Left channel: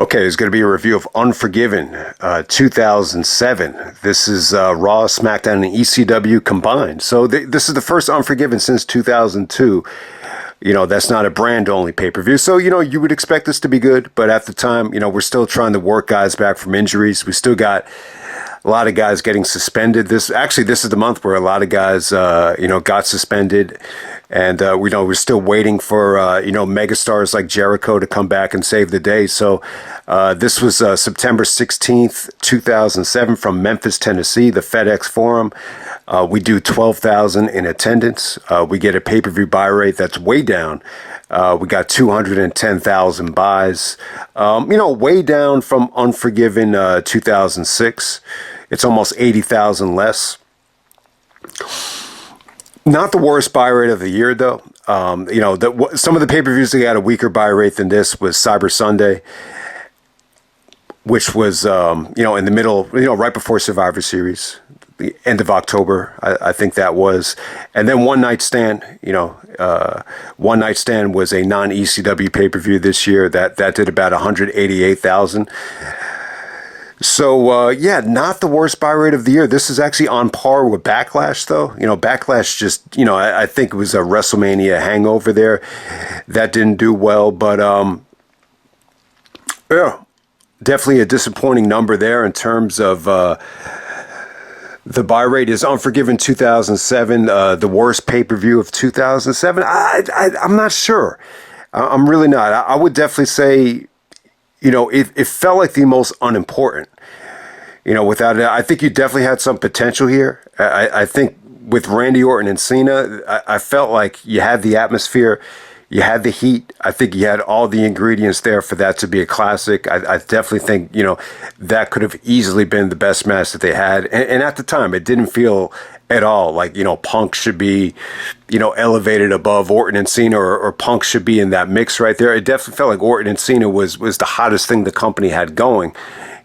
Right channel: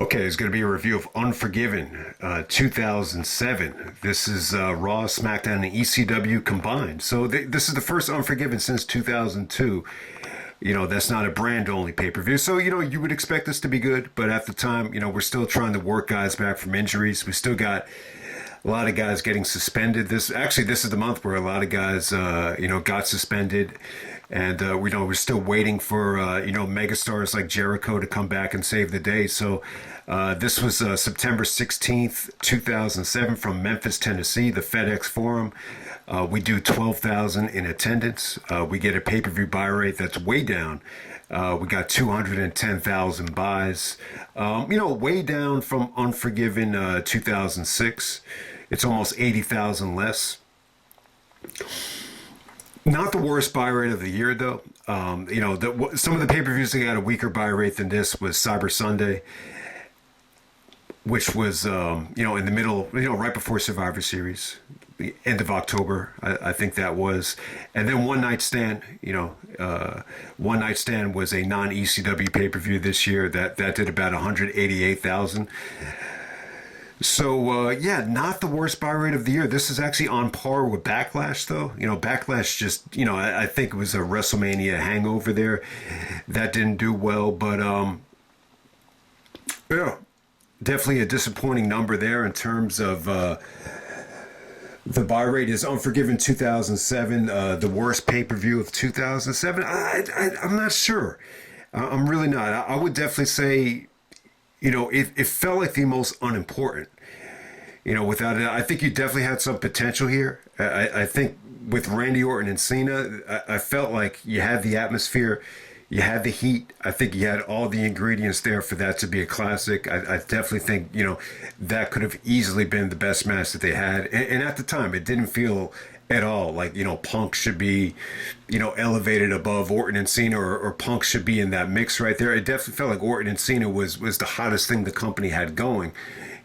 Okay, it's going to be a review of Unforgiven, 2007. This is Raw, SmackDown, and ECW combined. So this is the first Unforgiven since 2002. You know, that's not a brand-only pay-per-view. So, you know, you would expect this to be good. But at the time, you know, we're still trying to work guys back from injuries. We still got a lot of guys getting suspended. This is the month where a lot of guys, got suspended. And, we're still waiting for, megastars like Jericho to come back and save the day. So this was September 16th, 2007 from Memphis, Tennessee, the FedEx Forum. We do 12,000 in attendance. We get a pay-per-view buy rate that's way down. We got 210,000 buys. Way down from Unforgiven 2006. It's almost 80,000 less. Not the worst buy rate of the year, though. Some of the pay-per-views that got a weaker buy rate than this was Cyber Sunday, which was, in the middle, right before Survivor Series, the end of October, I think that was. And then One Night Stand, One Night Stand was a non-ECW pay-per-view this year that did about 188,000. So, not the worst buy rate of the year. This is actually on par with Backlash, though. Backlash just, I think it was a WrestleMania hangover there. That didn't do well, but, definitely a disappointing number there in terms of the buy rate. Is Unforgiven 2007 the worst pay-per-view of 2007? I'm not sure. I'm really not. I would definitely say, it felt like the most unimportant. Without it, I think you definitely had some potential here. I think with Randy Orton and Cena, I felt like you had the atmosphere, you had the heat. I think you had all the ingredients there for that to be a classic. I definitely think, that could have easily been the best match that they had. And at the time, it didn't feel at all like, Punk should be, elevated above Orton and Cena, or Punk should be in that mix right there. It definitely felt like Orton and Cena was the hottest thing the company had going,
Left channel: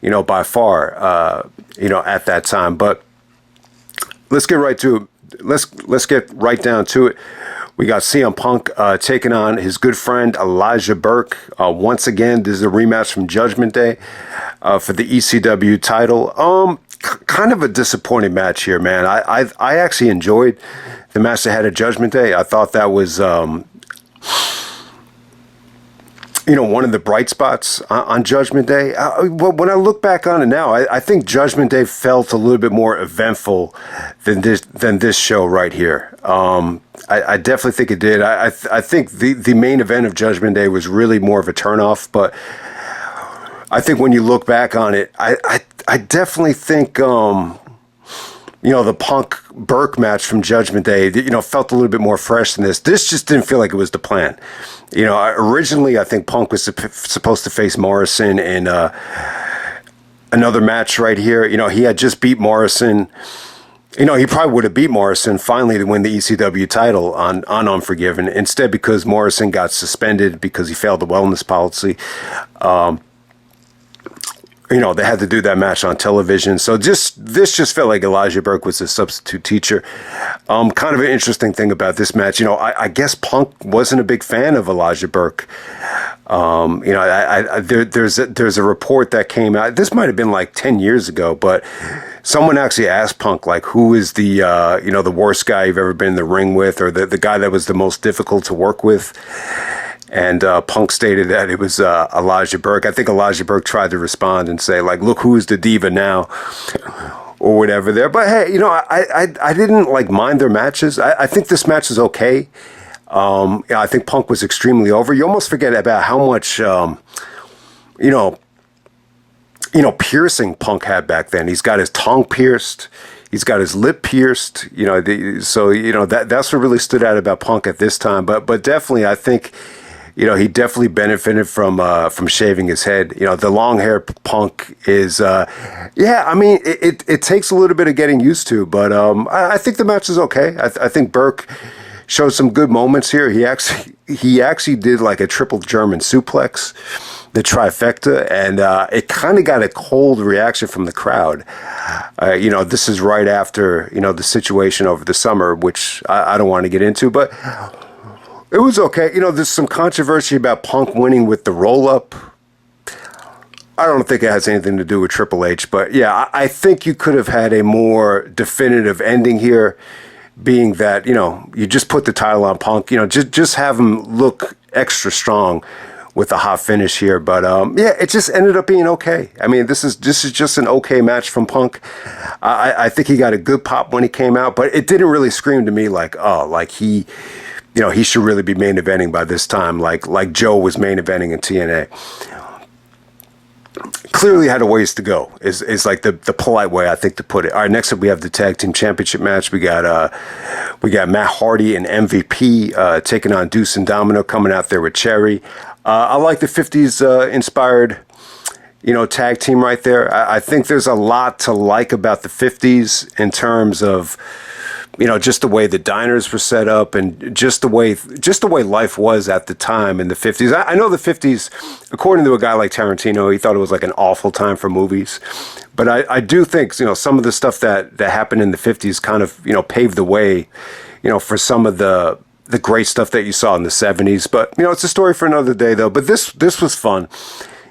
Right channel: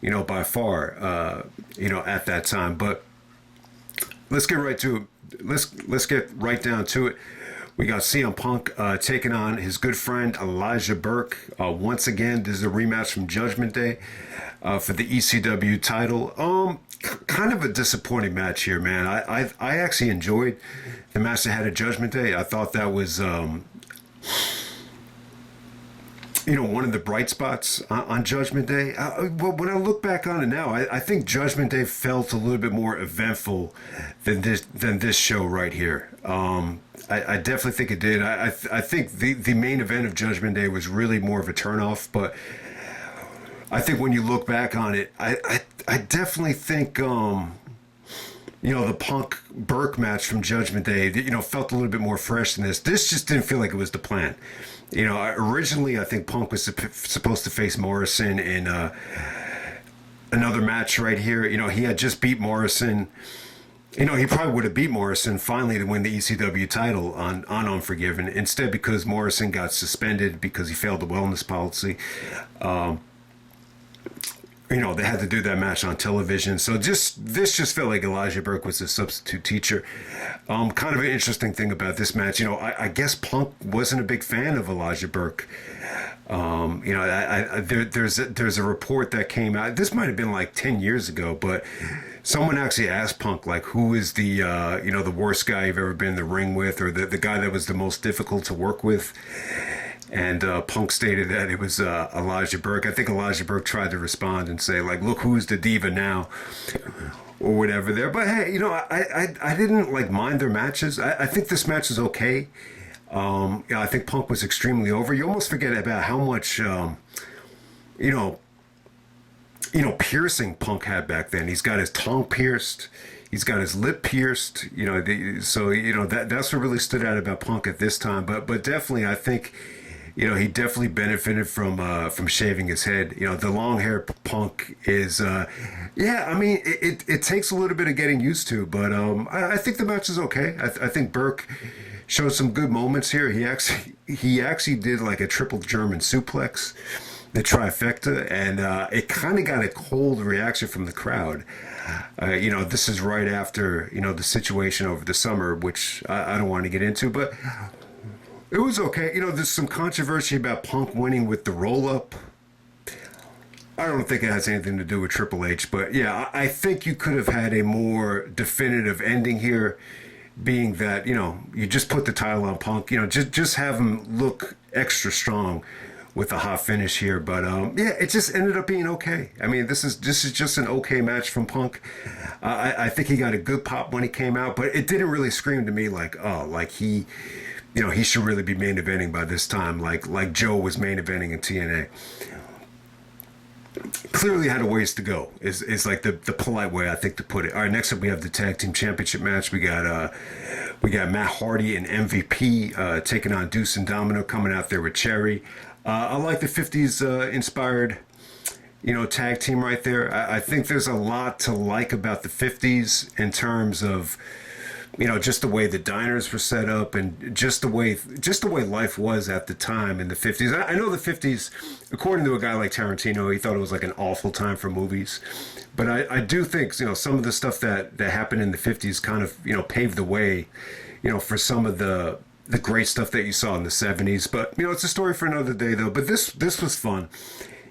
by far, at that time. But let's get right to it. Let's get right down to it. We got CM Punk taking on his good friend Elijah Burke. Once again, this is a rematch from Judgment Day for the ECW title. Kind of a disappointing match here, man. I actually enjoyed the match they had at Judgment Day. I thought that was, one of the bright spots on Judgment Day. When I look back on it now, I think Judgment Day felt a little bit more eventful than this show right here. I definitely think it did. I think the main event of Judgment Day was really more of a turnoff, but I think when you look back on it, I definitely think, the Punk Burke match from Judgment Day, felt a little bit more fresh than this. This just didn't feel like it was the plan. Originally, I think Punk was supposed to face Morrison in another match right here. He had just beat Morrison. He probably would have beat Morrison finally to win the ECW title on Unforgiven. Instead, because Morrison got suspended because he failed the wellness policy, they had to do that match on television. So this just felt like Elijah Burke was a substitute teacher. Kind of an interesting thing about this match, I guess Punk wasn't a big fan of Elijah Burke. There's a report that came out. This might have been like 10 years ago, but someone actually asked Punk, like, who is the the worst guy you've ever been in the ring with, or the guy that was the most difficult to work with. And Punk stated that it was Elijah Burke. I think Elijah Burke tried to respond and say, like, look, who's the diva now, or whatever there. But hey, I didn't mind their matches. I think this match is okay. I think Punk was extremely over. You almost forget about how much, piercing Punk had back then. He's got his tongue pierced. He's got his lip pierced. That's what really stood out about Punk at this time. But definitely, I think, he definitely benefited from shaving his head. The long hair Punk is, it takes a little bit of getting used to, but I think the match is okay. I think Burke showed some good moments here. He actually did like a triple German suplex, the trifecta, and it kind of got a cold reaction from the crowd. This is right after, the situation over the summer, which I don't want to get into, but it was okay. There's some controversy about Punk winning with the roll-up. I don't think it has anything to do with Triple H, but yeah, I think you could have had a more definitive ending here, being that, you just put the title on Punk, just have him look extra strong with the hot finish here. But yeah, it just ended up being okay. I mean, this is just an okay match from Punk. I think he got a good pop when he came out, but it didn't really scream to me like, oh, like he should really be main eventing by this time, like Joe was main eventing in TNA. Clearly had a ways to go is like the polite way I think to put it. All right, next up we have the tag team championship match. We got Matt Hardy and MVP taking on Deuce and Domino, coming out there with Cherry. I like the 50s inspired tag team right there. I think there's a lot to like about the 50s in terms of just the way the diners were set up and just the way life was at the time in the 50s. I know the 50s, according to a guy like Tarantino, he thought it was like an awful time for movies. But I do think, some of the stuff that happened in the 50s kind of, paved the way, for some of the great stuff that you saw in the 70s. But, it's a story for another day, though. But this was fun.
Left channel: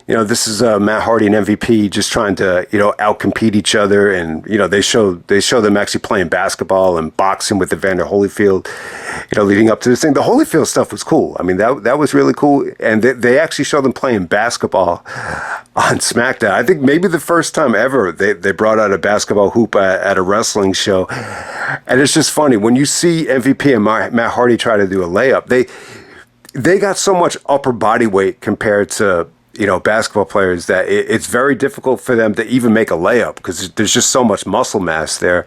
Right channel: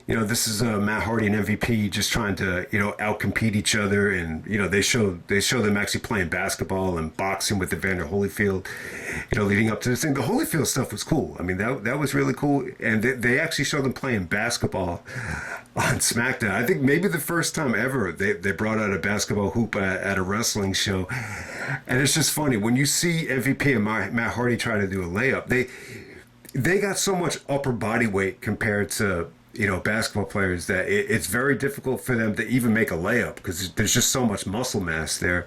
This is Matt Hardy and MVP just trying to, outcompete each other. And, they show them actually playing basketball and boxing with Evander Holyfield, leading up to this thing. The Holyfield stuff was cool. I mean, that was really cool. And they actually showed them playing basketball on SmackDown. I think maybe the first time ever they brought out a basketball hoop at a wrestling show. And it's just funny. When you see MVP and Matt Hardy try to do a layup, they got so much upper body weight compared to basketball players that it's very difficult for them to even make a layup because there's just so much muscle mass there.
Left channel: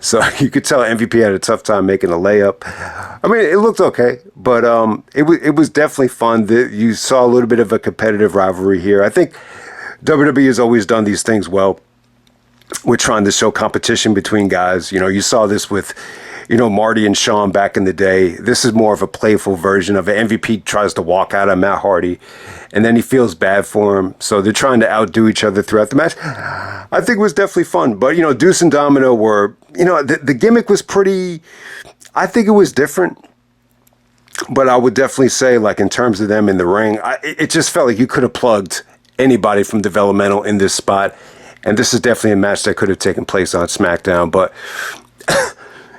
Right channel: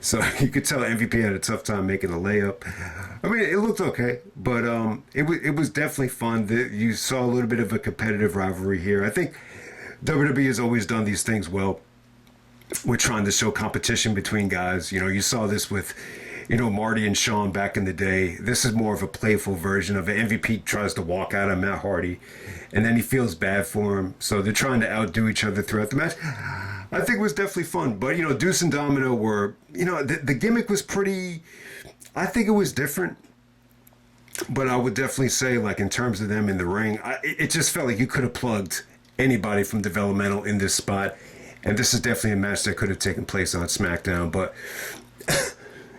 So you could tell MVP had a tough time making a layup. I mean, it looked okay, but it was definitely fun. You saw a little bit of a competitive rivalry here. I think WWE has always done these things well. We're trying to show competition between guys. You saw this with Marty and Shawn back in the day. This is more of a playful version of it. MVP tries to walk out on Matt Hardy, and then he feels bad for him. So they're trying to outdo each other throughout the match. I think it was definitely fun. But, Deuce and Domino were, the gimmick was pretty, I think it was different. But I would definitely say, like, in terms of them in the ring, it just felt like you could have plugged anybody from developmental in this spot. And this is definitely a match that could have taken place on SmackDown. But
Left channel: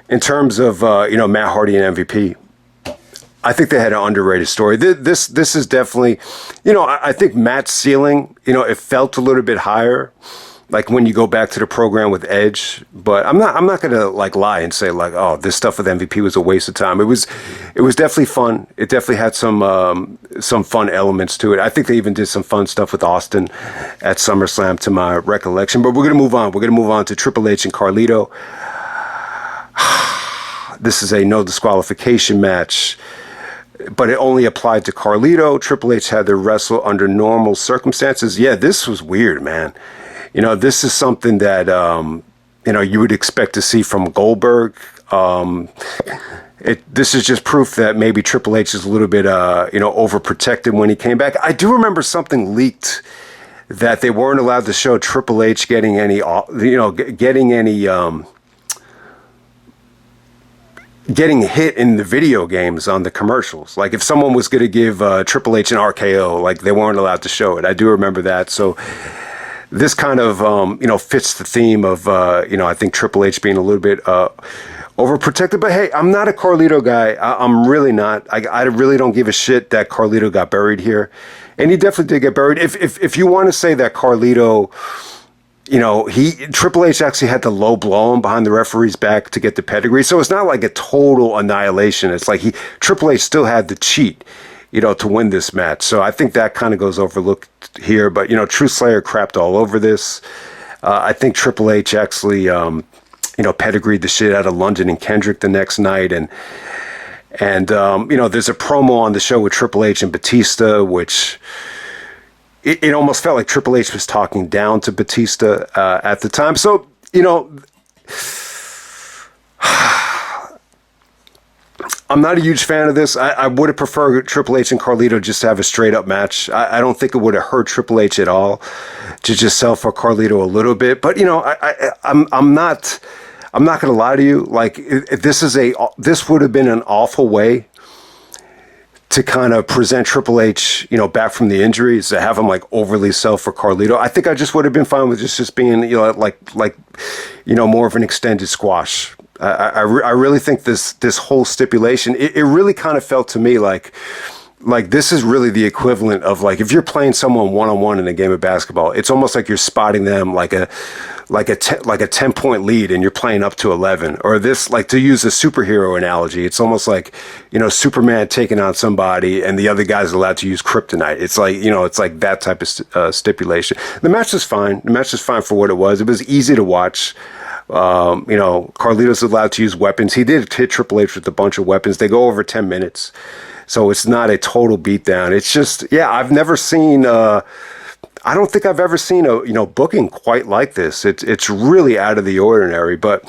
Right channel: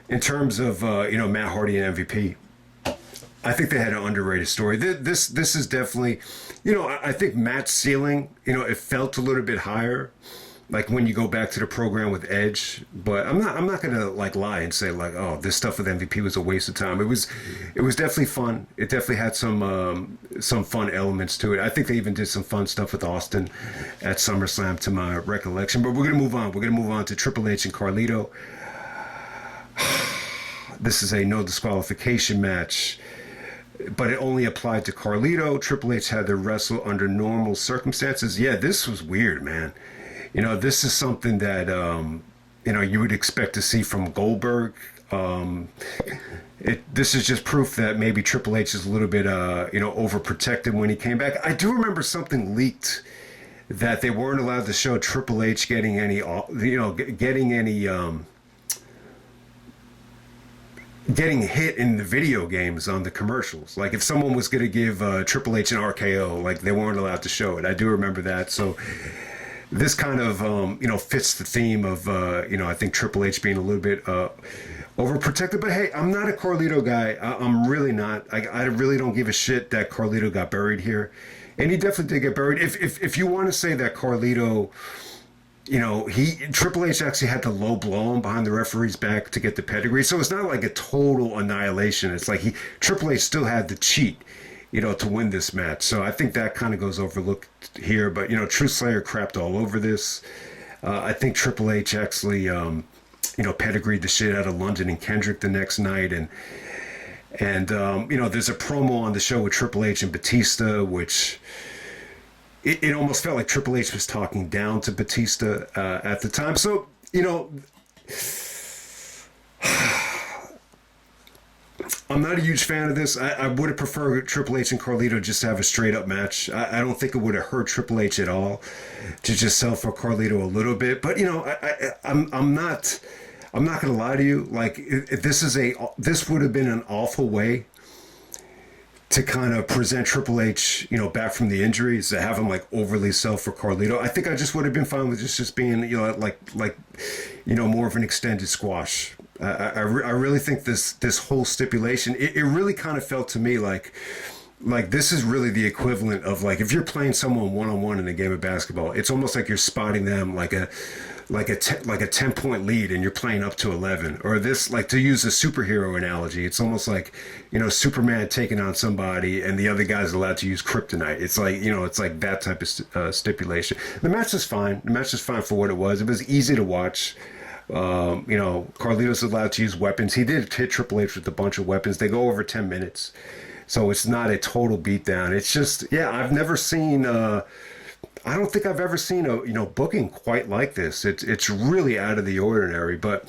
in terms of, Matt Hardy and MVP, I think they had an underrated story. This is definitely, I think Matt's ceiling, it felt a little bit higher, like when you go back to the program with Edge. But I'm not gonna like lie and say like, oh, this stuff with MVP was a waste of time. It was definitely fun. It definitely had some fun elements to it. I think they even did some fun stuff with Austin at SummerSlam, to my recollection. But we're gonna move on. We're gonna move on to Triple H and Carlito. This is a no disqualification match, but it only applied to Carlito. Triple H had to wrestle under normal circumstances. Yeah, this was weird, man. This is something that, you would expect to see from Goldberg. This is just proof that maybe Triple H is a little bit, overprotected when he came back. I do remember something leaked that they weren't allowed to show Triple H getting any getting hit in the video games on the commercials. Like if someone was going to give Triple H an RKO, like they weren't allowed to show it. I do remember that. So this kind of, fits the theme of, I think Triple H being a little bit overprotected. But hey, I'm not a Carlito guy. I'm really not. I really don't give a shit that Carlito got buried here. And he definitely did get buried. If you want to say that Carlito, Triple H actually had to low blow him behind the referee's back to get the pedigree. So it's not like a total annihilation. It's like Triple H still had to cheat, to win this match. So I think that kind of goes overlooked here. But, True Slayer crapped all over this. I think Triple H actually, pedigreed the shit out of London and Kendrick the next night. And there's a promo on the show with Triple H and Batista, which it almost felt like Triple H was talking down to Batista at the time. So, I'm not a huge fan of this. I would have preferred Triple H and Carlito just to have a straight up match. I don't think it would have hurt Triple H at all to just sell for Carlito a little bit. But I'm not going to lie to you. Like this would have been an awful way to kind of present Triple H, back from the injuries, to have him like overly sell for Carlito. I think I just would have been fine with just being, like more of an extended squash. I really think this whole stipulation, it really kind of felt to me like this is really the equivalent of like if you're playing someone one-on-one in a game of basketball, it's almost like you're spotting them like a 10-point lead and you're playing up to 11. Or this, like, to use a superhero analogy, it's almost like, Superman taking on somebody and the other guy's allowed to use kryptonite. It's like, it's like that type of stipulation. The match was fine. The match was fine for what it was. It was easy to watch. Carlito's allowed to use weapons. He did hit Triple H with a bunch of weapons. They go over 10 minutes. So it's not a total beatdown. It's just, I've never seen, I don't think I've ever seen a booking quite like this. It's really out of the ordinary. But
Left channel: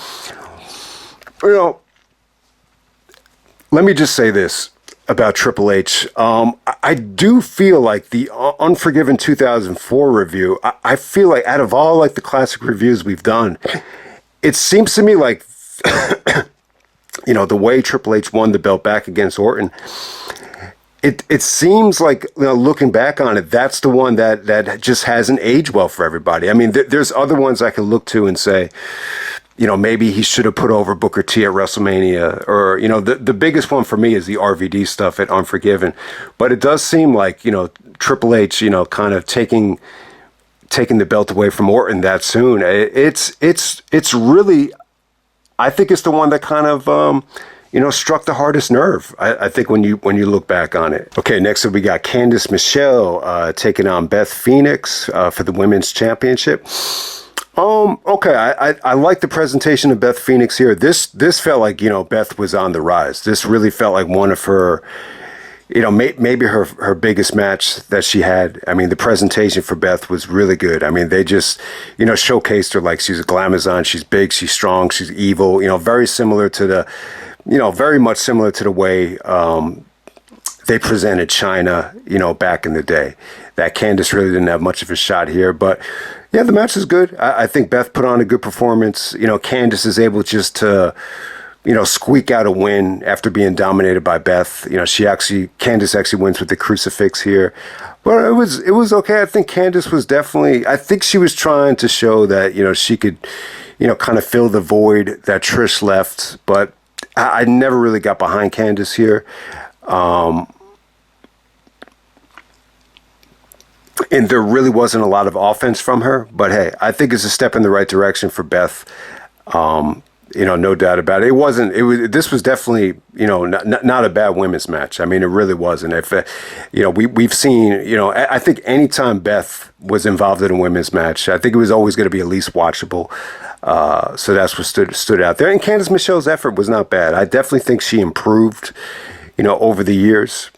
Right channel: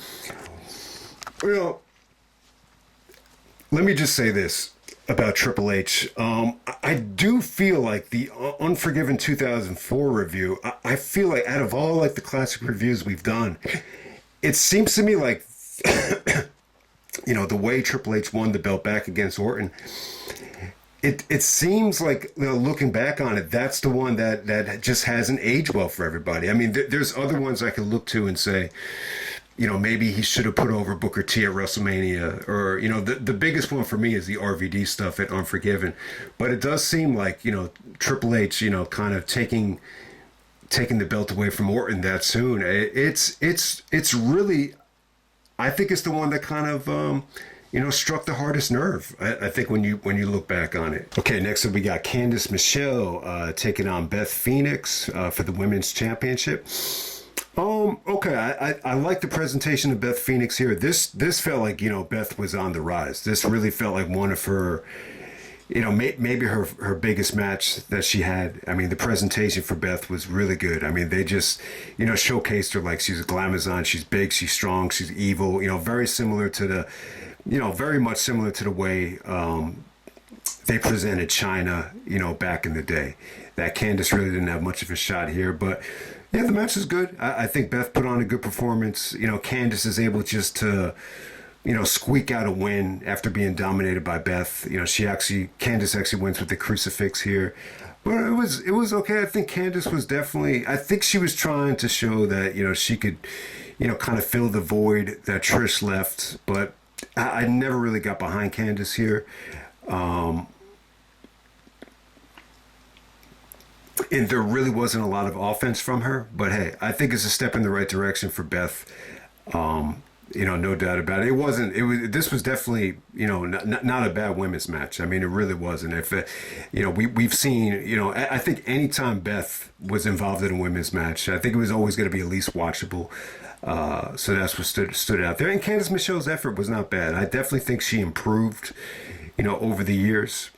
let me just say this about Triple H. I do feel like the Unforgiven 2004 review. I feel like out of all like the classic reviews we've done, it seems to me like the way Triple H won the belt back against Orton. It seems like, looking back on it, that's the one that just hasn't aged well for everybody. I mean, there's other ones I could look to and say, maybe he should have put over Booker T at WrestleMania, or, the biggest one for me is the RVD stuff at Unforgiven. But it does seem like, Triple H, kind of taking the belt away from Orton that soon. It's really, I think it's the one that kind of, struck the hardest nerve, I think, when you look back on it. Okay, next up we got Candice Michelle taking on Beth Phoenix for the Women's Championship. Okay, I like the presentation of Beth Phoenix here. This felt like, Beth was on the rise. This really felt like one of her, maybe her biggest match that she had. I mean, the presentation for Beth was really good. I mean, they just, showcased her like she's a glamazon. She's big, she's strong, she's evil, very similar to the, very much similar to the way they presented Chyna, back in the day. That Candice really didn't have much of a shot here. But, yeah, the match is good. I think Beth put on a good performance. Candice is able just to, squeak out a win after being dominated by Beth. Candice actually wins with the crucifix here. But it was okay. I think Candice was definitely, I think she was trying to show that, she could, kind of fill the void that Trish left. But I never really got behind Candice here. And there really wasn't a lot of offense from her. But, hey, I think it's a step in the right direction for Beth. No doubt about it. This was definitely, not a bad women's match. I mean, it really wasn't. If, we've seen, I think anytime Beth was involved in a women's match, I think it was always going to be at least watchable. So that's what stood out there. And Candice Michelle's effort was not bad. I definitely think she improved, over the years.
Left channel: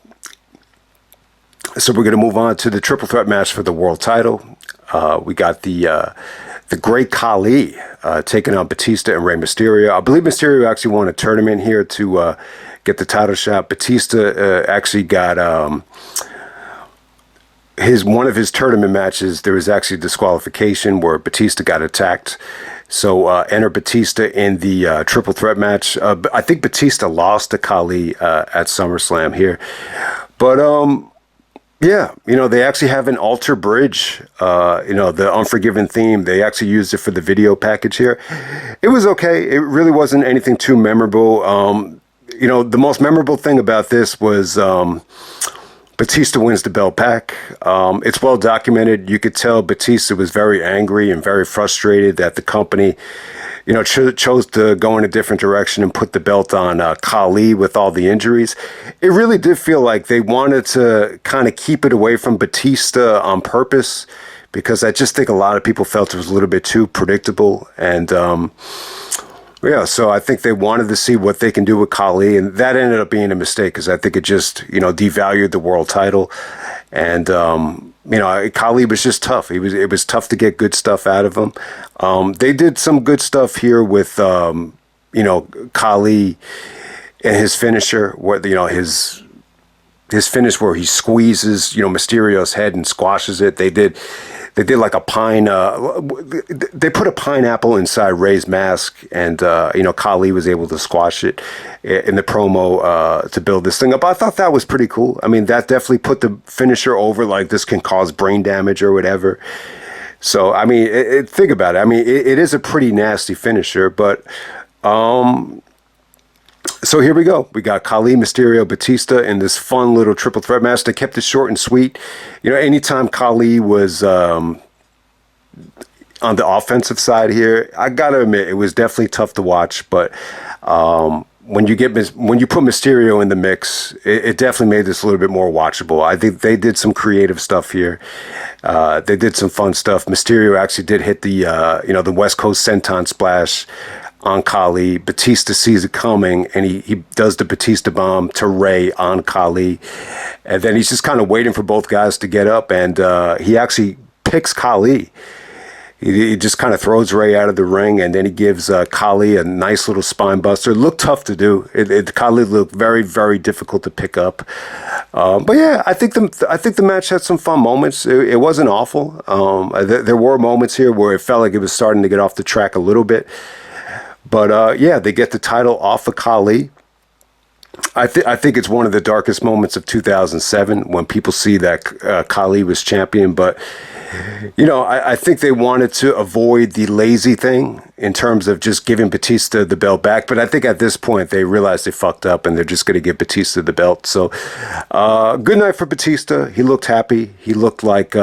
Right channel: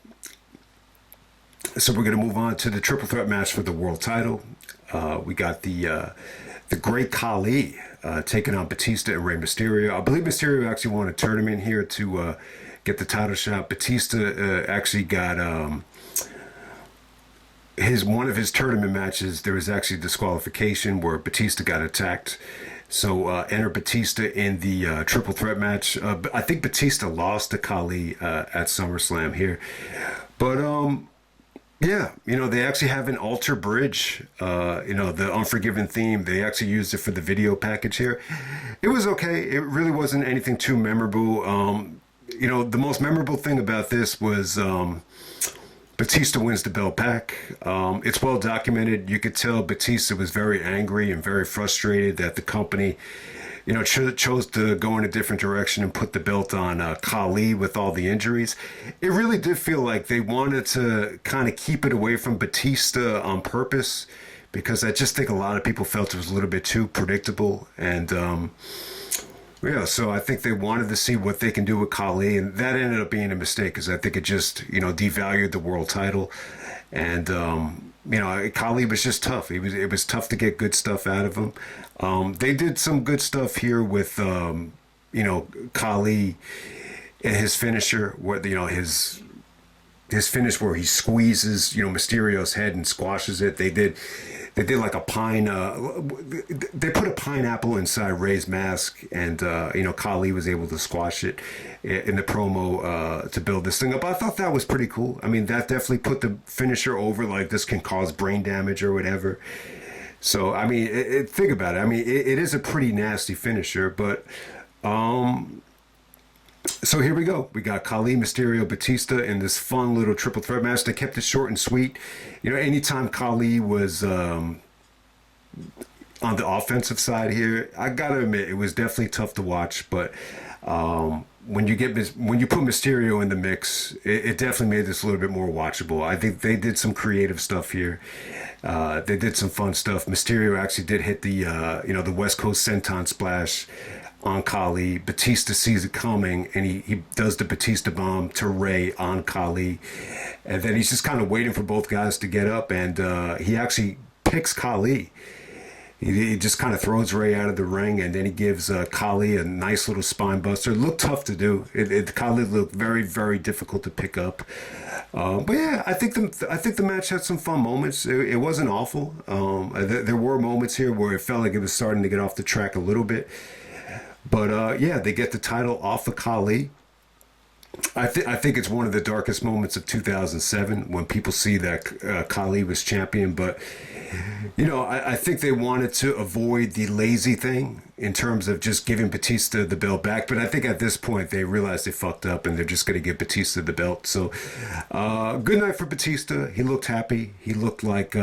So we're going to move on to the triple threat match for the world title. We got the great Khali taking on Batista and Rey Mysterio. I believe Mysterio actually won a tournament here to get the title shot. Batista actually got one of his tournament matches. There was actually disqualification where Batista got attacked. So enter Batista in the triple threat match. I think Batista lost to Khali at SummerSlam here. But yeah, they actually have an altar bridge, the Unforgiven theme. They actually used it for the video package here. It was okay. It really wasn't anything too memorable. The most memorable thing about this was Batista wins the belt back. It's well documented. You could tell Batista was very angry and very frustrated that the company, chose to go in a different direction and put the belt on Khali with all the injuries. It really did feel like they wanted to kind of keep it away from Batista on purpose, because I just think a lot of people felt it was a little bit too predictable. And yeah, so I think they wanted to see what they can do with Khali, and that ended up being a mistake, because I think it just, devalued the world title. And, Khali was just tough. It was tough to get good stuff out of him. They did some good stuff here with, Khali and his finisher, where, his finish where he squeezes, Mysterio's head and squashes it. They they did like a pine. They put a pineapple inside Ray's mask, and Khali was able to squash it in the promo to build this thing up. I thought that was pretty cool. I mean, that definitely put the finisher over. Like, this can cause brain damage or whatever. So I mean, think about it. I mean, it is a pretty nasty finisher, but. So here we go. We got Khali, Mysterio, Batista in this fun little triple threat match. They kept it short and sweet. Anytime Khali was on the offensive side here, I gotta admit it was definitely tough to watch. But when you put Mysterio in the mix, it definitely made this a little bit more watchable. I think they did some creative stuff here. They did some fun stuff. Mysterio actually did hit the West Coast Senton splash on Khali. Batista sees it coming, and he does the Batista bomb to Ray on Khali. And then he's just kind of waiting for both guys to get up, and he actually picks Khali. He just kind of throws Ray out of the ring, and then he gives Khali a nice little spine buster. It looked tough to do. Khali looked very, very difficult to pick up. But yeah, I think the match had some fun moments. It wasn't awful. There were moments here where it felt like it was starting to get off the track a little bit. But yeah, they get the title off of Khali. I think it's one of the darkest moments of 2007 when people see that Khali was champion. But I think they wanted to avoid the lazy thing in terms of just giving Batista the belt back. But I think at this point they realized they fucked up and they're just going to give Batista the belt. So good night for Batista. He looked happy. He looked like.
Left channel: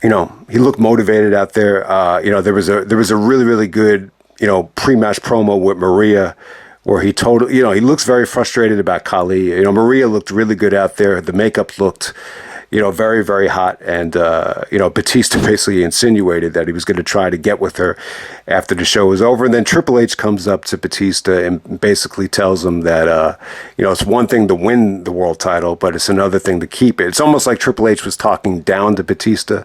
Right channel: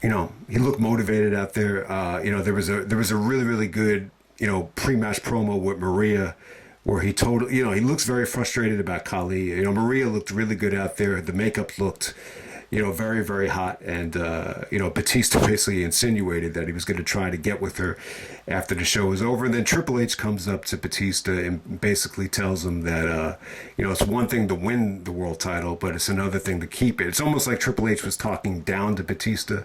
He looked motivated out there. There was a really, really good, pre-match promo with Maria where he told, he looks very frustrated about Khali. Maria looked really good out there. The makeup looked, very, very hot. And, Batista basically insinuated that he was going to try to get with her after the show was over. And then Triple H comes up to Batista and basically tells him that, it's one thing to win the world title, but it's another thing to keep it. It's almost like Triple H was talking down to Batista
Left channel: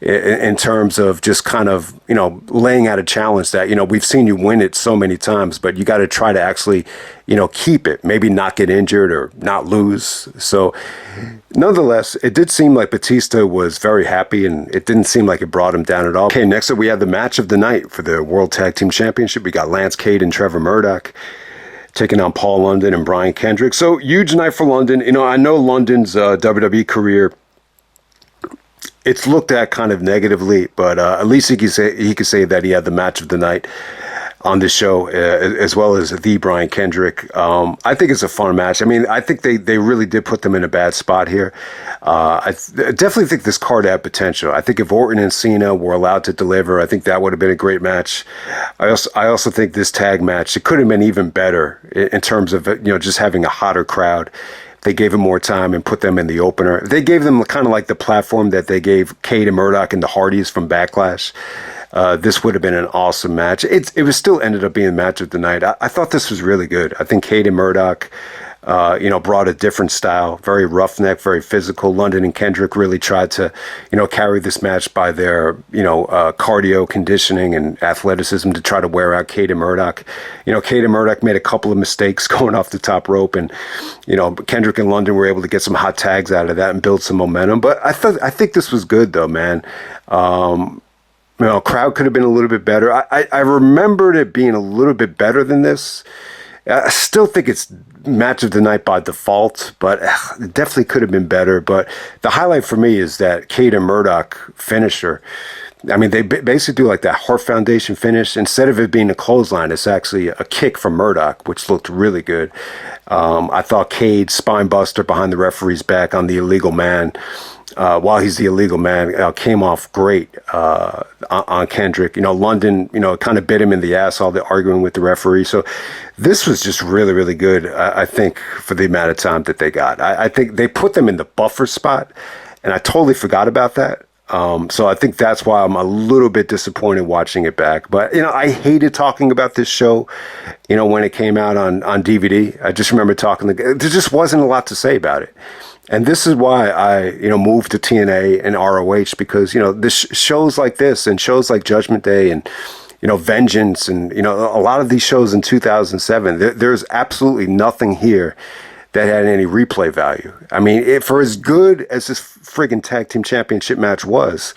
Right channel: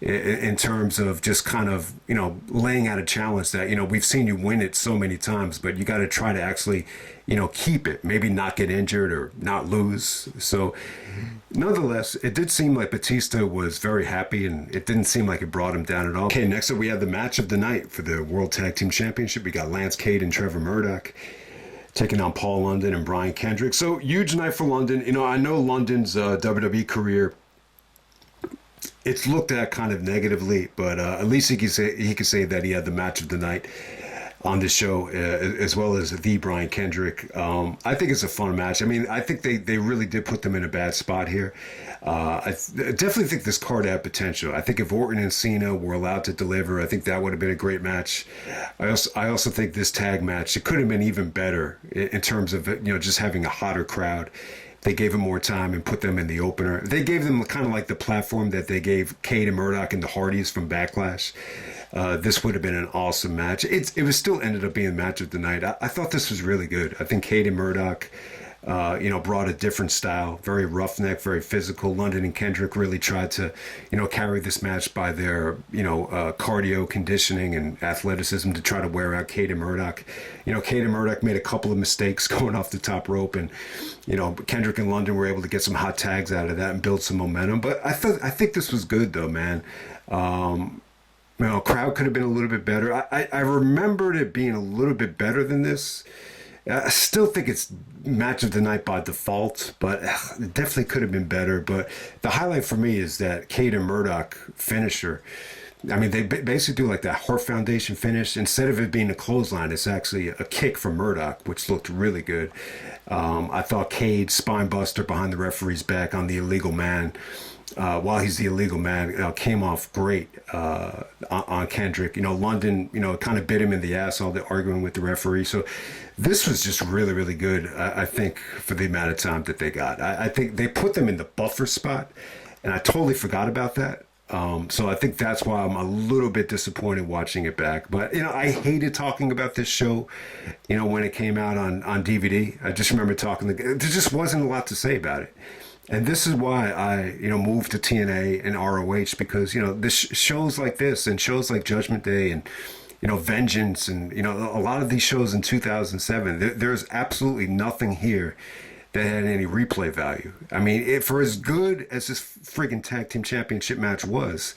in terms of just kind of, laying out a challenge that, we've seen you win it so many times, but you got to try to actually, keep it, maybe not get injured or not lose. So nonetheless, it did seem like Batista was very happy, and it didn't seem like it brought him down at all. Okay, next up we had the match of the night for the World Tag Team Championship. We got Lance Cade and Trevor Murdoch taking on Paul London and Brian Kendrick. So huge night for London. I know London's WWE career, it's looked at kind of negatively, but at least he could say that he had the match of the night on the show, as well as the Brian Kendrick. I think it's a fun match. I mean, I think they really did put them in a bad spot here. I definitely think this card had potential. I think if Orton and Cena were allowed to deliver, I think that would have been a great match. I also think this tag match, it could have been even better in terms of just having a hotter crowd. They gave him more time and put them in the opener. They gave them kind of like the platform that they gave Cade and Murdoch and the Hardys from Backlash. This would have been an awesome match. It was still ended up being the match of the night. I thought this was really good. I think Cade and Murdoch, brought a different style, very roughneck, very physical. London and Kendrick really tried to, carry this match by their, cardio, conditioning, and athleticism to try to wear out Cade and Murdoch. Cade and Murdoch made a couple of mistakes going off the top rope, and, Kendrick and London were able to get some hot tags out of that and build some momentum. But I think this was good, though, man. Crowd could have been a little bit better. I remembered it being a little bit better than this. I still think it's match of the night by default, but it definitely could have been better. But the highlight for me is that Cade and Murdoch finisher. I mean, they basically do like that Hart Foundation finish. Instead of it being a clothesline, it's actually a kick from Murdoch, which looked really good. I thought Cade spine buster behind the referee's back on the illegal man. While he's the illegal man, came off great on Kendrick. London, kind of bit him in the ass, all the arguing with the referee. So this was just really, really good, I think, for the amount of time that they got. I think they put them in the buffer spot, and I totally forgot about that. So I think that's why I'm a little bit disappointed watching it back. But, I hated talking about this show, when it came out on DVD. I just remember there just wasn't a lot to say about it. And this is why I, moved to TNA and ROH, because, this shows like this and shows like Judgment Day and, Vengeance and, a lot of these shows in 2007, there's absolutely nothing here that had any replay value. I mean, for as good as this friggin' tag team championship match was,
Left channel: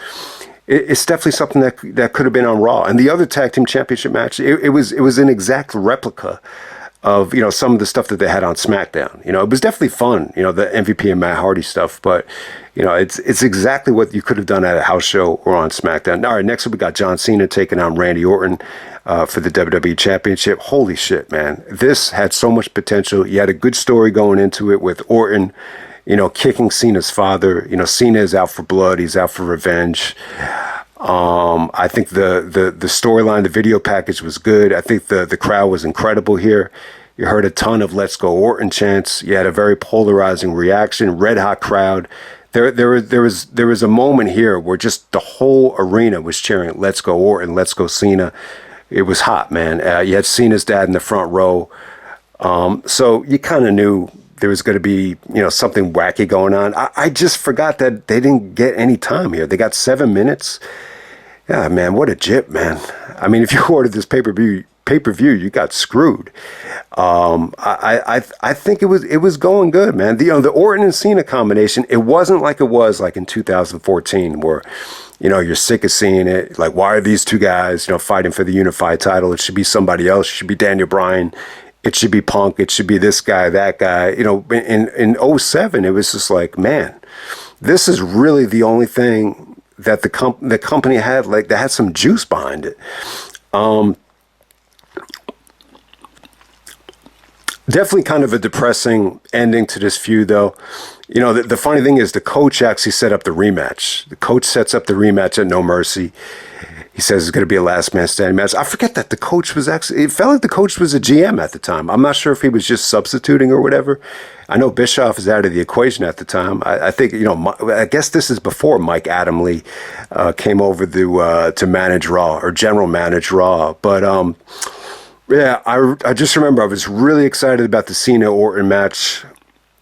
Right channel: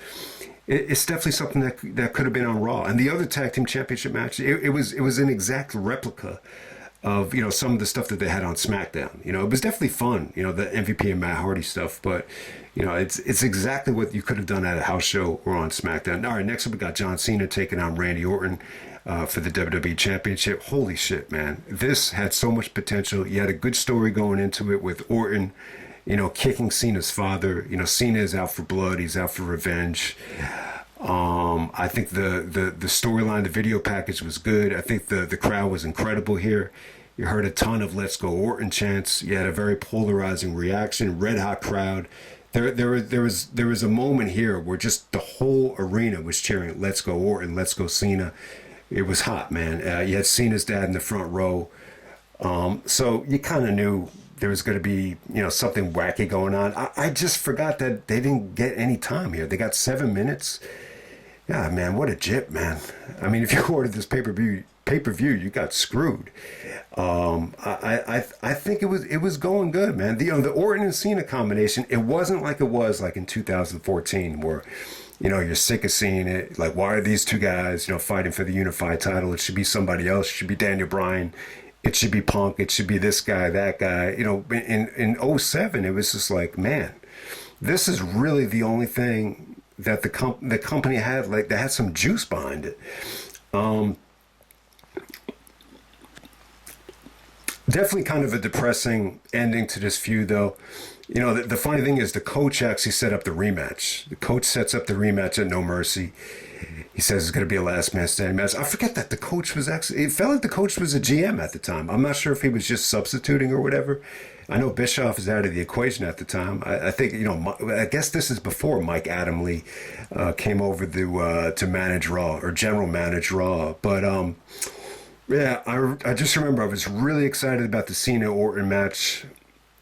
it's definitely something that could have been on Raw. And the other tag team championship match, it was an exact replica of, some of the stuff that they had on SmackDown. It was definitely fun, the MVP and Matt Hardy stuff, but it's exactly what you could have done at a house show or on SmackDown. All right, next up we got John Cena taking on Randy Orton for the WWE Championship. Holy shit, man. This had so much potential. You had a good story going into it with Orton, kicking Cena's father. Cena is out for blood. He's out for revenge. I think the storyline, the video package was good. I think the crowd was incredible here. You heard a ton of "Let's Go Orton" chants. You had a very polarizing reaction, red hot crowd. There was a moment here where just the whole arena was cheering "Let's Go Orton, Let's Go Cena." It was hot, man. You had Cena's dad in the front row, so you kind of knew there was going to be something wacky going on. I just forgot that they didn't get any time here. They got 7 minutes. Yeah, man, what a jip, man. I mean, if you ordered this pay-per-view, you got screwed. I think it was going good, man. The Orton and Cena combination, it wasn't like it was like in 2014 where, you're sick of seeing it. Like, why are these two guys, fighting for the unified title? It should be somebody else. It should be Daniel Bryan. It should be Punk. It should be this guy, that guy. In '07, it was just like, man, this is really the only thing that the company had, like, that had some juice behind it. Definitely kind of a depressing ending to this feud, though. The funny thing is the coach actually set up the rematch. The coach sets up the rematch at No Mercy. He says it's going to be a last man standing match. I forget that the coach was it felt like the coach was a GM at the time. I'm not sure if he was just substituting or whatever. I know Bischoff is out of the equation at the time. I think, I guess this is before Mike Adamle came over to manage Raw or general manage Raw. But, yeah, I just remember I was really excited about the Cena-Orton match.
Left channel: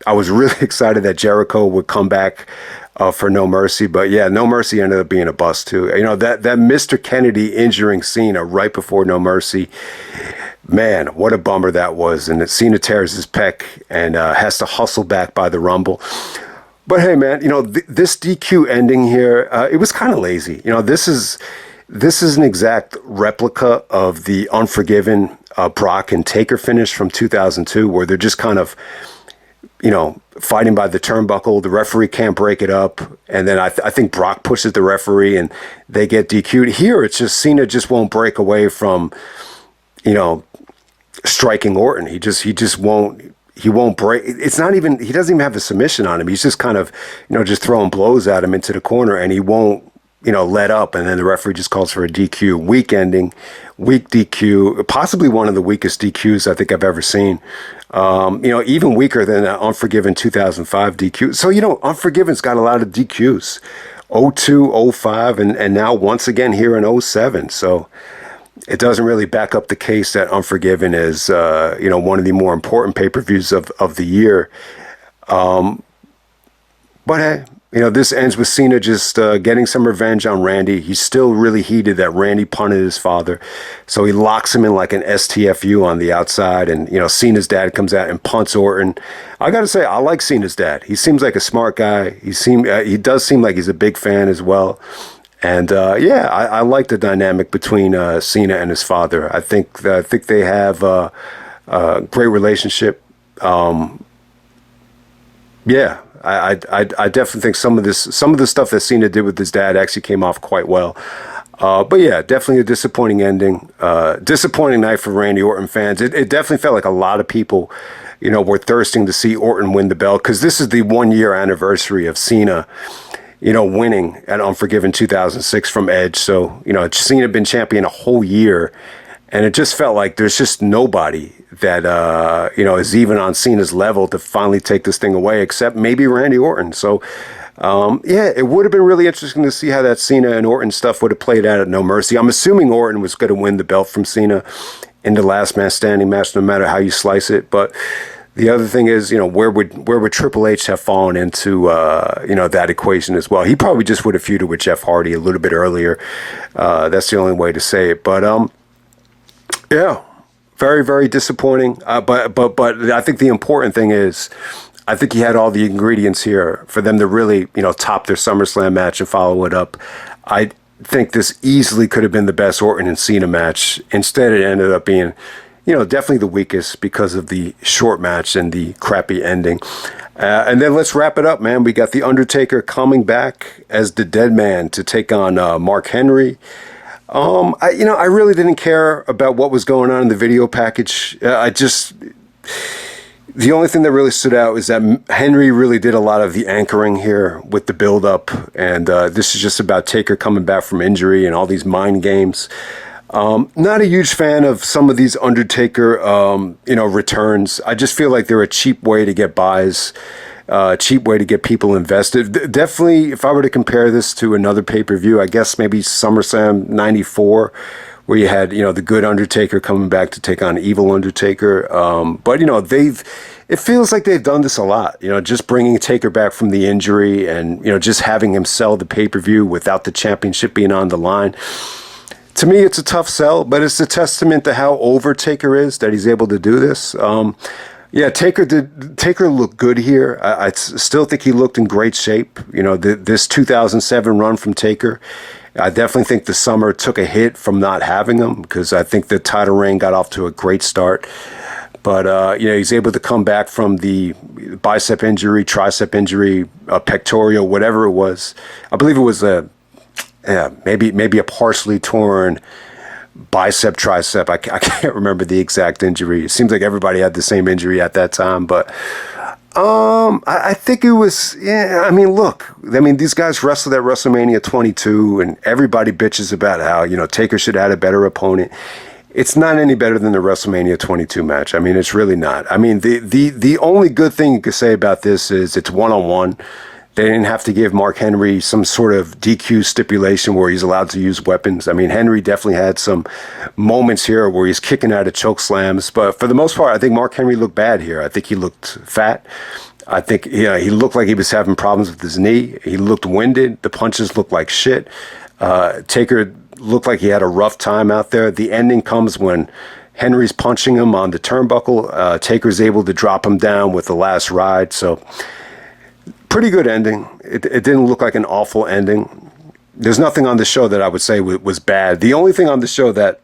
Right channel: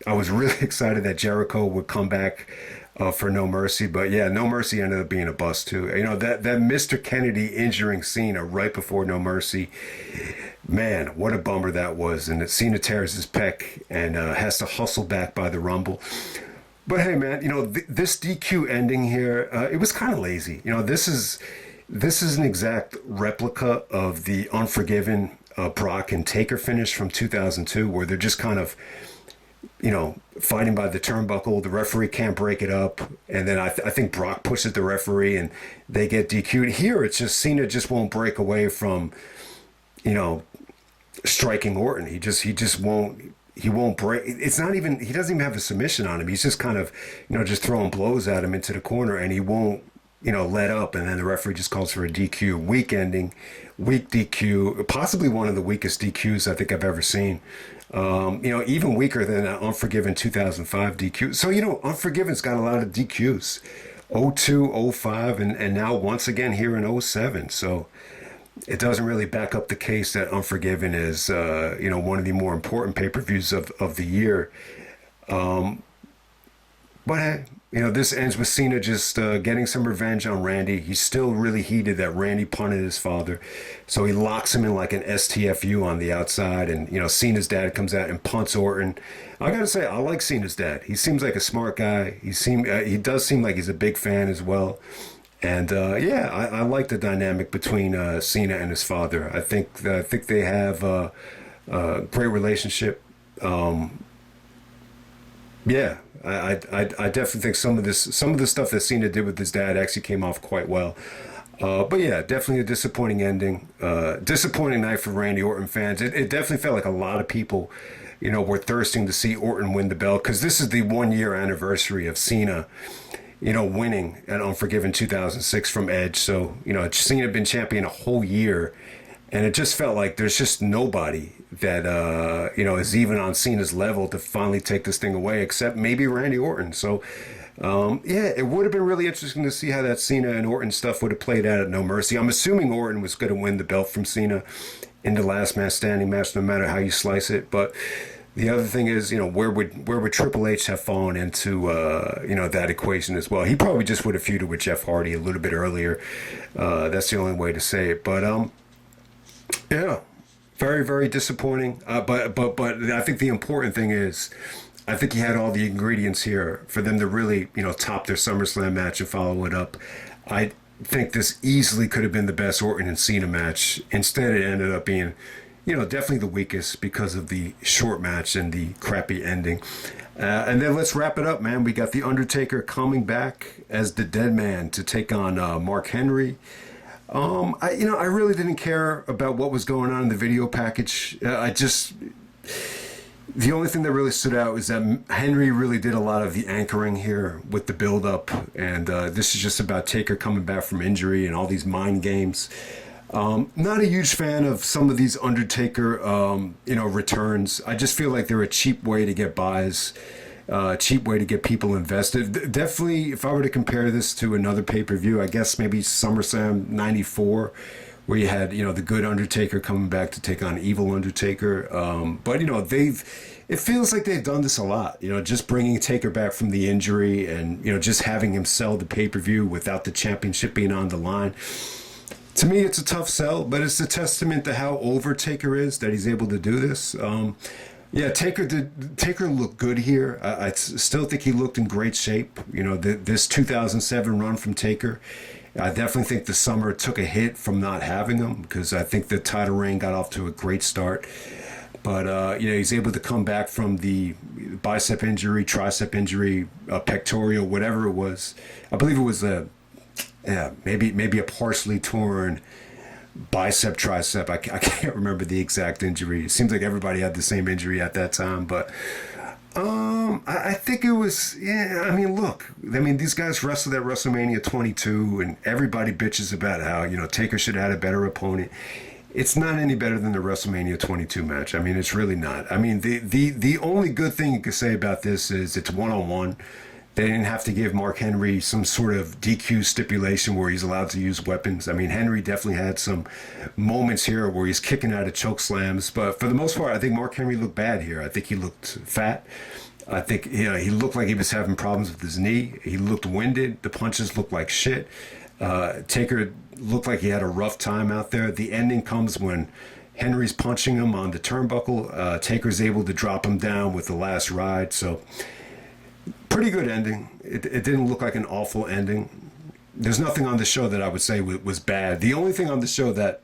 I was really excited that Jericho would come back for No Mercy. But, yeah, No Mercy ended up being a bust, too. That Mr. Kennedy injuring Cena right before No Mercy, man, what a bummer that was. And that Cena tears his pec and has to hustle back by the Rumble. But, hey, man, this DQ ending here, it was kind of lazy. This is an exact replica of the Unforgiven Brock and Taker finish from 2002, where they're just kind of, fighting by the turnbuckle. The referee can't break it up. And then I think Brock pushes the referee and they get DQ'd. Here, it's just Cena just won't break away from, striking Orton. He just won't. He won't break. It's not even, he doesn't even have the submission on him. He's just kind of, just throwing blows at him into the corner, and he won't, let up, and then the referee just calls for a DQ. Weak ending, weak DQ, possibly one of the weakest DQs I think I've ever seen. Even weaker than Unforgiven 2005 DQ. So, Unforgiven's got a lot of DQs. 02, 05, and now once again here in 07. So it doesn't really back up the case that Unforgiven is, one of the more important pay-per-views of the year. But hey, this ends with Cena just getting some revenge on Randy. He's still really heated that Randy punted his father. So he locks him in like an STFU on the outside. And, Cena's dad comes out and punts Orton. I got to say, I like Cena's dad. He seems like a smart guy. He does seem like he's a big fan as well. And, I like the dynamic between Cena and his father. I think they have a great relationship. I definitely think some of the stuff that Cena did with his dad actually came off quite well. But yeah, definitely a disappointing ending. Disappointing night for Randy Orton fans. It definitely felt like a lot of people, were thirsting to see Orton win the belt, because this is the 1 year anniversary of Cena, winning at Unforgiven 2006 from Edge. So, Cena had been champion a whole year, and it just felt like there's just nobody that, is even on Cena's level to finally take this thing away, except maybe Randy Orton. So, it would have been really interesting to see how that Cena and Orton stuff would have played out at No Mercy. I'm assuming Orton was going to win the belt from Cena in the last man standing match, no matter how you slice it. But the other thing is, where would Triple H have fallen into, that equation as well? He probably just would have feuded with Jeff Hardy a little bit earlier. That's the only way to say it. But, yeah. very, very disappointing. But I think the important thing is, I think he had all the ingredients here for them to really, top their SummerSlam match and follow it up. I think this easily could have been the best Orton and Cena match. Instead, it ended up being, definitely the weakest because of the short match and the crappy ending. And then let's wrap it up, man. We got The Undertaker coming back as the Dead Man to take on Mark Henry. I really didn't care about what was going on in the video package. The only thing that really stood out is that Henry really did a lot of the anchoring here with the build-up, and this is just about Taker coming back from injury and all these mind games. Not a huge fan of some of these Undertaker, returns. I just feel like they're a cheap way to get buys, cheap way to get people invested. Definitely, if I were to compare this to another pay-per-view, I guess maybe SummerSlam 94, where you had, the good Undertaker coming back to take on evil Undertaker. But, it feels like they've done this a lot, just bringing Taker back from the injury and, just having him sell the pay-per-view without the championship being on the line. To me, it's a tough sell, but it's a testament to how over Taker is that he's able to do this. Taker looked good here. I still think he looked in great shape. This 2007 run from Taker, I definitely think the summer took a hit from not having him, because I think the title reign got off to a great start. But, he's able to come back from the bicep injury, tricep injury, pectoral, whatever it was. I believe it was maybe a partially torn bicep, tricep. I can't remember the exact injury. It seems like everybody had the same injury at that time, but I think it was, these guys wrestled at WrestleMania 22, and everybody bitches about how, Taker should have had a better opponent. It's not any better than the WrestleMania 22 match. It's really not. The only good thing you could say about this is it's one-on-one. They didn't have to give Mark Henry some sort of DQ stipulation where he's allowed to use weapons. Henry definitely had some moments here where he's kicking out of choke slams. But for the most part, I think Mark Henry looked bad here. I think he looked fat. I think he looked like he was having problems with his knee. He looked winded. The punches looked like shit. Taker looked like he had a rough time out there. The ending comes when Henry's punching him on the turnbuckle. Taker's able to drop him down with the last ride. So pretty good ending. It didn't look like an awful ending. There's nothing on the show that I would say was bad. The only thing on the show that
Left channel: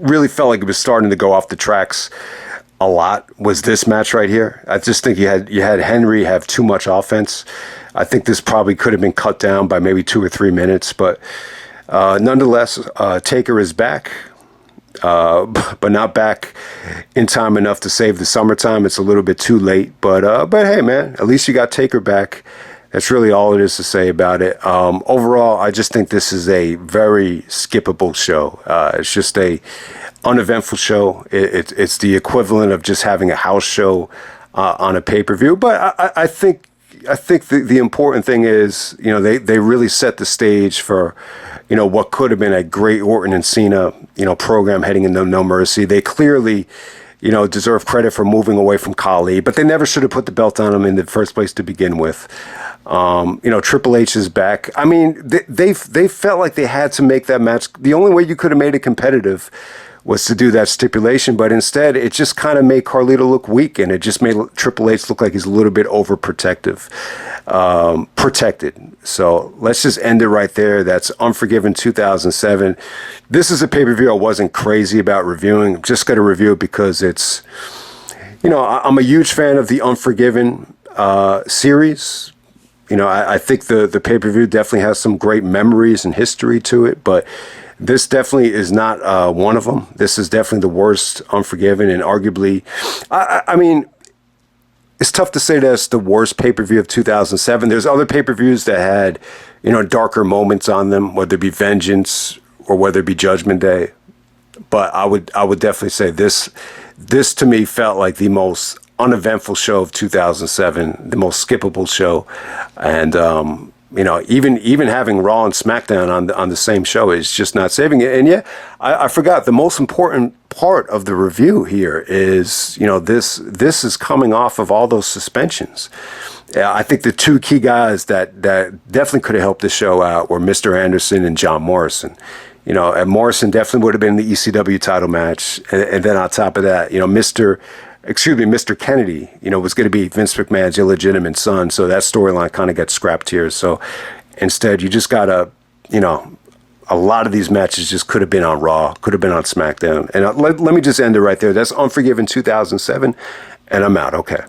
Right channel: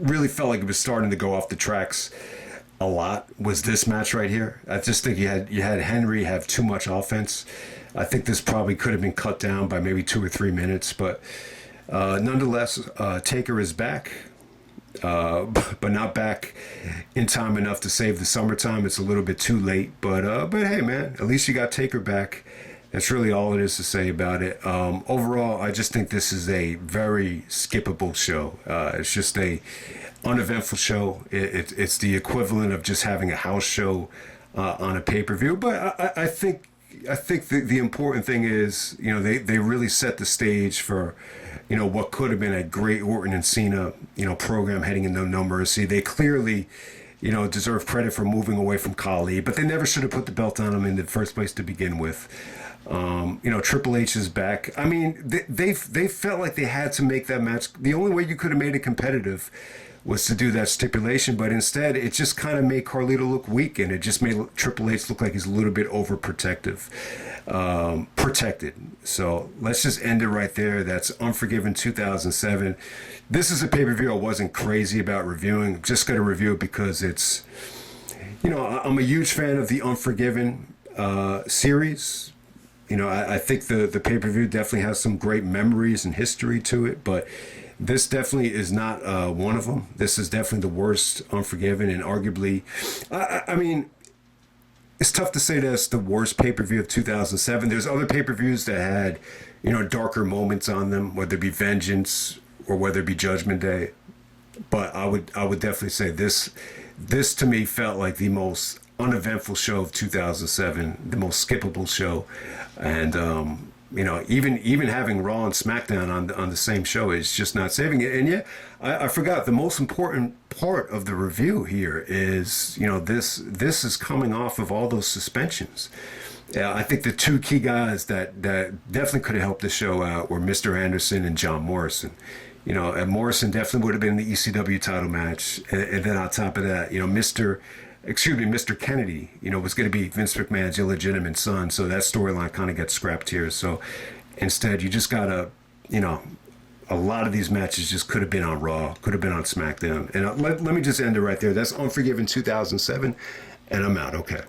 really felt like it was starting to go off the tracks a lot was this match right here. I just think you had Henry have too much offense. I think this probably could have been cut down by maybe 2 or 3 minutes, but nonetheless, Taker is back. But not back in time enough to save the summertime. It's a little bit too late, but hey, man, at least you got Taker back. That's really all it is to say about it. Overall, I just think this is a very skippable show. It's just a uneventful show. It's the equivalent of just having a house show on a pay-per-view. But I think the important thing is, they really set the stage for, what could have been a great Orton and Cena, program heading into No Mercy. They clearly, deserve credit for moving away from Khali, but they never should have put the belt on him in the first place to begin with. Triple H is back. They felt like they had to make that match. The only way you could have made it competitive was to do that stipulation, but instead it just kind of made Carlito look weak, and it just made Triple H look like he's a little bit overprotective. Protected. So let's just end it right there. That's Unforgiven 2007. This is a pay-per-view I wasn't crazy about reviewing. I'm just going to review it because it's, I'm a huge fan of the Unforgiven series. I think the pay-per-view definitely has some great memories and history to it, but this definitely is not one of them. This is definitely the worst Unforgiven, and arguably, it's tough to say that's the worst pay-per-view of 2007. There's other pay-per-views that had, darker moments on them, whether it be Vengeance or whether it be Judgment Day. But I would definitely say this to me felt like the most uneventful show of 2007, the most skippable show. And, even having Raw and SmackDown on the same show is just not saving it. And yeah, I forgot the most important part of the review here is, this is coming off of all those suspensions. I think the two key guys that definitely could have helped the show out were Mr. Anderson and John Morrison. And Morrison definitely would have been in the ECW title match. And then on top of that, Mr. Kennedy, was going to be Vince McMahon's illegitimate son. So that storyline kind of got scrapped here. So instead, you just got to, a lot of these matches just could have been on Raw, could have been on SmackDown. And let me just end it right there. That's Unforgiven 2007, and I'm out. Okay.